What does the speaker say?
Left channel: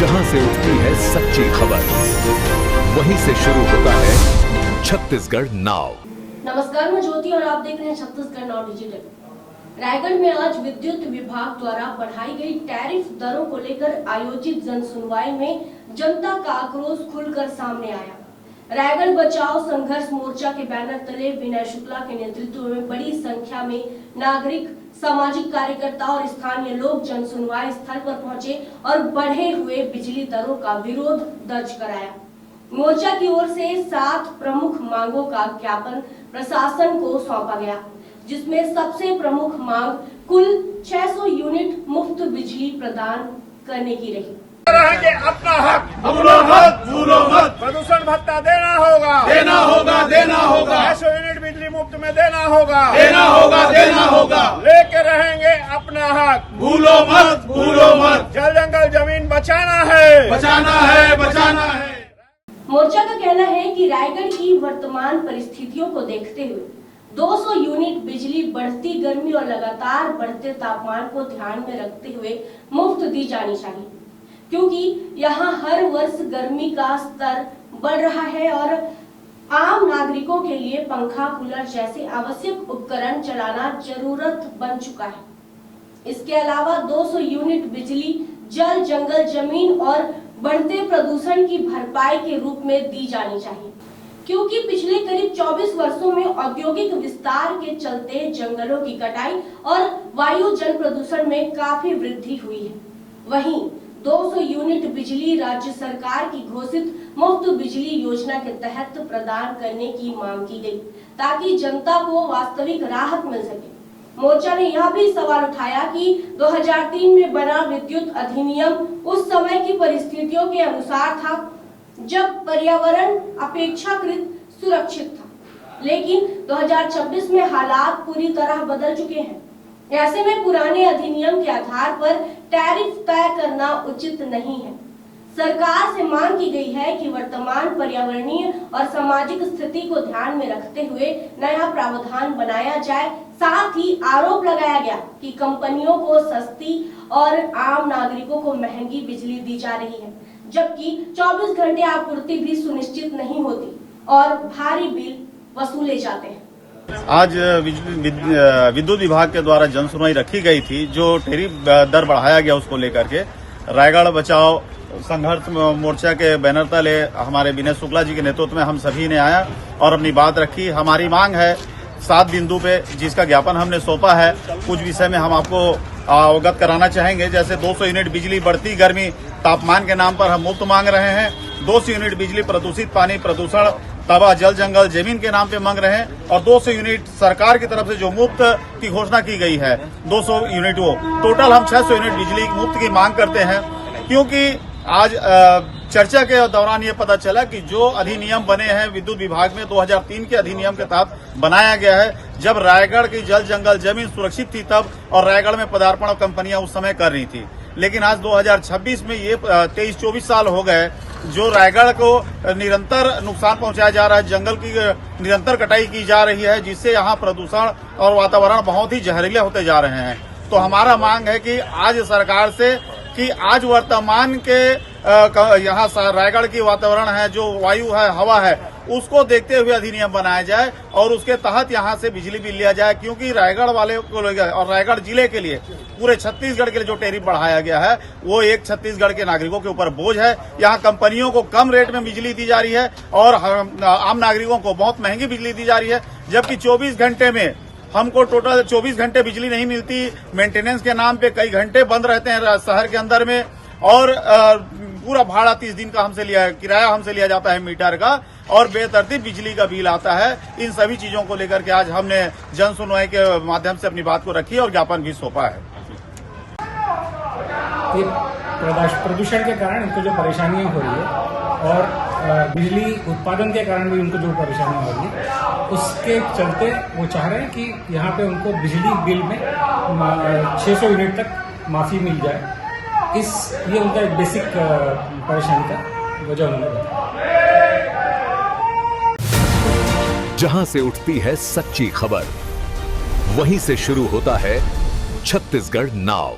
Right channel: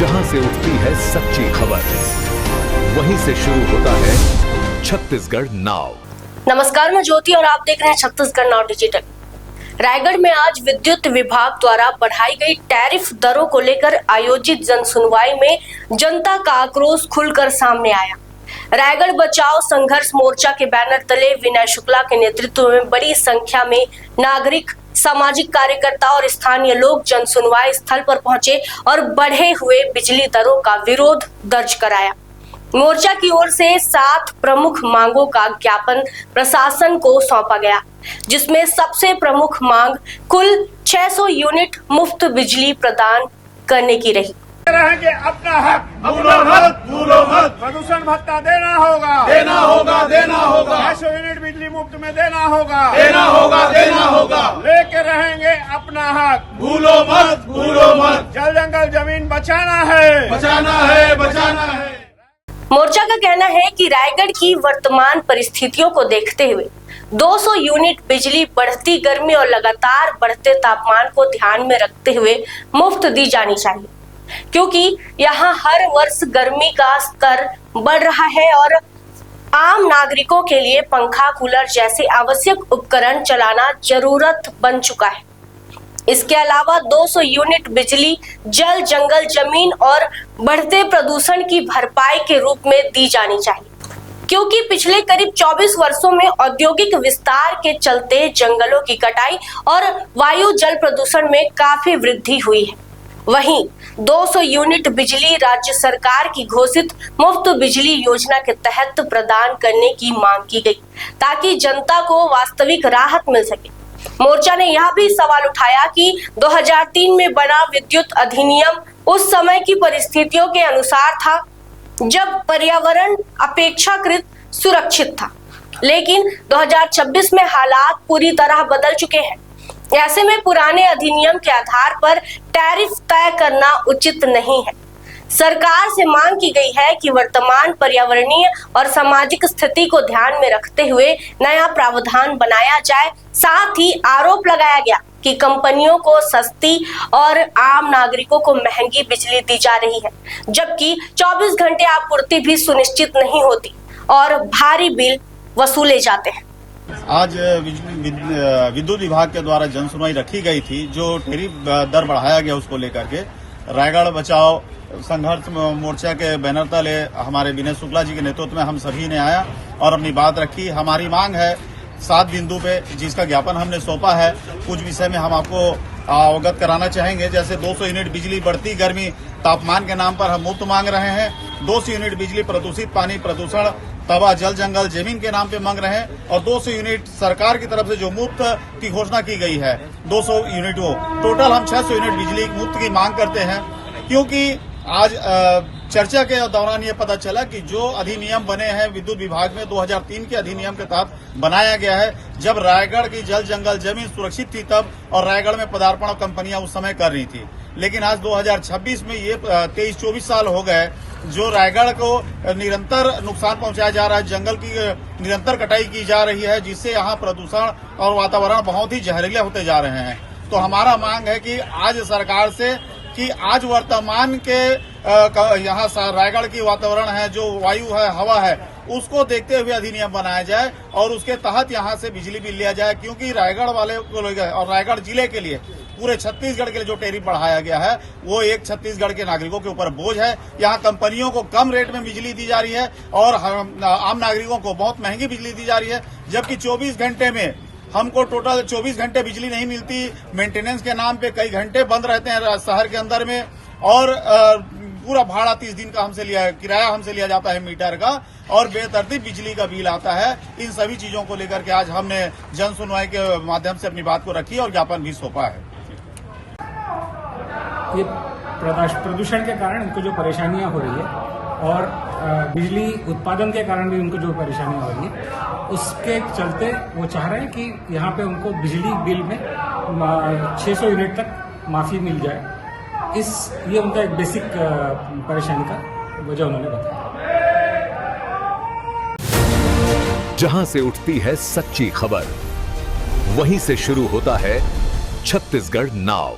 जहां से उठती है सच्ची खबर, वहीं से शुरू होता है छत्तीसगढ़ नाउ। नमस्कार, मैं ज्योति और आप देख रहे हैं छत्तीसगढ़ नाउ डिजिटल। रायगढ़ में आज विद्युत विभाग द्वारा बढ़ाई गई टैरिफ दरों को लेकर आयोजित जन सुनवाई में जनता का आक्रोश खुलकर सामने आया। रायगढ़ बचाओ संघर्ष मोर्चा के बैनर तले विनय शुक्ला के नेतृत्व में बड़ी संख्या में नागरिक, सामाजिक कार्यकर्ता और स्थानीय लोग जन सुनवाई स्थल पर पहुंचे और बढ़े हुए बिजली दरों का विरोध दर्ज कराया। मोर्चा की ओर से 7 प्रमुख मांगों का ज्ञापन प्रशासन को सौंपा गया, जिसमें सबसे प्रमुख मांग कुल 600 यूनिट मुफ्त बिजली प्रदान करने की रही। रहेंगे अपना हक, भूलो मत, प्रदूषण भत्ता देना होगा, 600 यूनिट बिजली मुफ्त में देना होगा, लेके रहेंगे अपना हक, भूलो मत, जल जंगल जमीन बचाना है। मोर्चा का कहना है कि रायगढ़ की वर्तमान परिस्थितियों को देखते हुए 200 यूनिट बिजली बढ़ती गर्मी और लगातार बढ़ते तापमान को ध्यान में रखते हुए मुफ्त दी जानी चाहिए, क्योंकि यहाँ हर वर्ष गर्मी का स्तर बढ़ रहा है और आम नागरिकों के लिए पंखा, कूलर जैसे आवश्यक उपकरण चलाना जरूरत बन चुका है। इसके अलावा 200 यूनिट बिजली जल जंगल जमीन और बढ़ते प्रदूषण की भरपाई के रूप में दी जानी चाहिए, क्योंकि पिछले करीब 24 वर्षों में औद्योगिक विस्तार के चलते जंगलों की कटाई और वायु जल प्रदूषण में काफी वृद्धि हुई है। वहीं 200 यूनिट बिजली राज्य सरकार की घोषित मुफ्त बिजली योजना के तहत प्रदान करने की मांग की गई, ताकि जनता को वास्तविक राहत मिल सके। मोर्चा ने यह भी सवाल उठाया कि 2003 में बना विद्युत अधिनियम उस समय की परिस्थितियों के अनुसार था, जब पर्यावरण अपेक्षाकृत सुरक्षित था, लेकिन 2026 में हालात पूरी तरह बदल चुके हैं। ऐसे में पुराने अधिनियम के आधार पर टैरिफ तय करना उचित नहीं है। सरकार से मांग की गई है कि वर्तमान पर्यावरणीय और सामाजिक स्थिति को ध्यान में रखते हुए नया प्रावधान बनाया जाए। साथ ही आरोप लगाया गया कि कंपनियों को सस्ती और आम नागरिकों को महंगी बिजली दी जा रही है, जबकि 24 घंटे आपूर्ति भी सुनिश्चित नहीं होती और भारी बिल वसूले जाते हैं। आज विद्युत विभाग के द्वारा जन सुनवाई रखी गई थी, जो टैरिफ दर बढ़ाया गया उसको लेकर के रायगढ़ बचाओ संघर्ष मोर्चा के बैनर तले हमारे विनय शुक्ला जी के नेतृत्व में हम सभी ने आया और अपनी बात रखी। हमारी मांग है 7 बिंदु पे, जिसका ज्ञापन हमने सौंपा है। कुछ विषय में हम आपको अवगत कराना चाहेंगे। जैसे 200 यूनिट बिजली बढ़ती गर्मी तापमान के नाम पर हम मुफ्त मांग रहे हैं। 200 यूनिट बिजली प्रदूषित पानी, प्रदूषण, तबाह जल जंगल जमीन के नाम पे मांग रहे हैं। और 200 यूनिट सरकार की तरफ से जो मुफ्त की घोषणा की गई है 200 यूनिट, वो टोटल हम 600 यूनिट बिजली मुफ्त की मांग करते हैं। क्योंकि आज चर्चा के दौरान ये पता चला कि जो अधिनियम बने हैं विद्युत विभाग में 2003 के अधिनियम के तहत बनाया गया है, जब रायगढ़ की जल जंगल जमीन सुरक्षित थी तब, और रायगढ़ में पदार्पण कंपनियां उस समय कर रही थी। लेकिन आज 2026 में ये 23-24 साल हो गए जो रायगढ़ को निरंतर नुकसान पहुंचाया जा रहा है, जंगल की निरंतर कटाई की जा रही है, जिससे यहाँ प्रदूषण और वातावरण बहुत ही जहरीले होते जा रहे हैं। तो हमारा मांग है कि आज सरकार से कि आज वर्तमान के यहाँ रायगढ़ की वातावरण है, जो वायु है, हवा है, उसको देखते हुए अधिनियम बनाया जाए और उसके तहत यहाँ से बिजली बिल लिया जाए। क्योंकि रायगढ़ वाले को और रायगढ़ जिले के लिए, पूरे छत्तीसगढ़ के लिए जो टैरिफ बढ़ाया गया है वो एक छत्तीसगढ़ के नागरिकों के ऊपर बोझ है। यहाँ कंपनियों को कम रेट में बिजली दी जा रही है और आम नागरिकों को बहुत महंगी बिजली दी जा रही है, जबकि 24 घंटे में हमको टोटल 24 घंटे बिजली नहीं मिलती। मेंटेनेंस के नाम पे कई घंटे बंद रहते हैं शहर के अंदर में, और पूरा भाड़ा 30 दिन का किराया हमसे लिया जाता है मीटर का, और बेतरतीब बिजली का बिल आता है। इन सभी चीजों को लेकर के आज हमने जन सुनवाई के माध्यम से अपनी बात को रखी और ज्ञापन भी सौंपा है। ये प्रदूषण के कारण इनको जो परेशानियां हो रही है और बिजली उत्पादन के कारण भी उनको जो परेशानियां हो रही है, उसके चलते वो चाह रहे हैं कि यहाँ पे उनको बिजली बिल में 600 यूनिट तक माफी मिल जाए। ये उनका एक बेसिक परेशानी का वजह उन्होंने बताया। जहां से उठती है सच्ची खबर, वहीं से शुरू होता है छत्तीसगढ़ नाउ।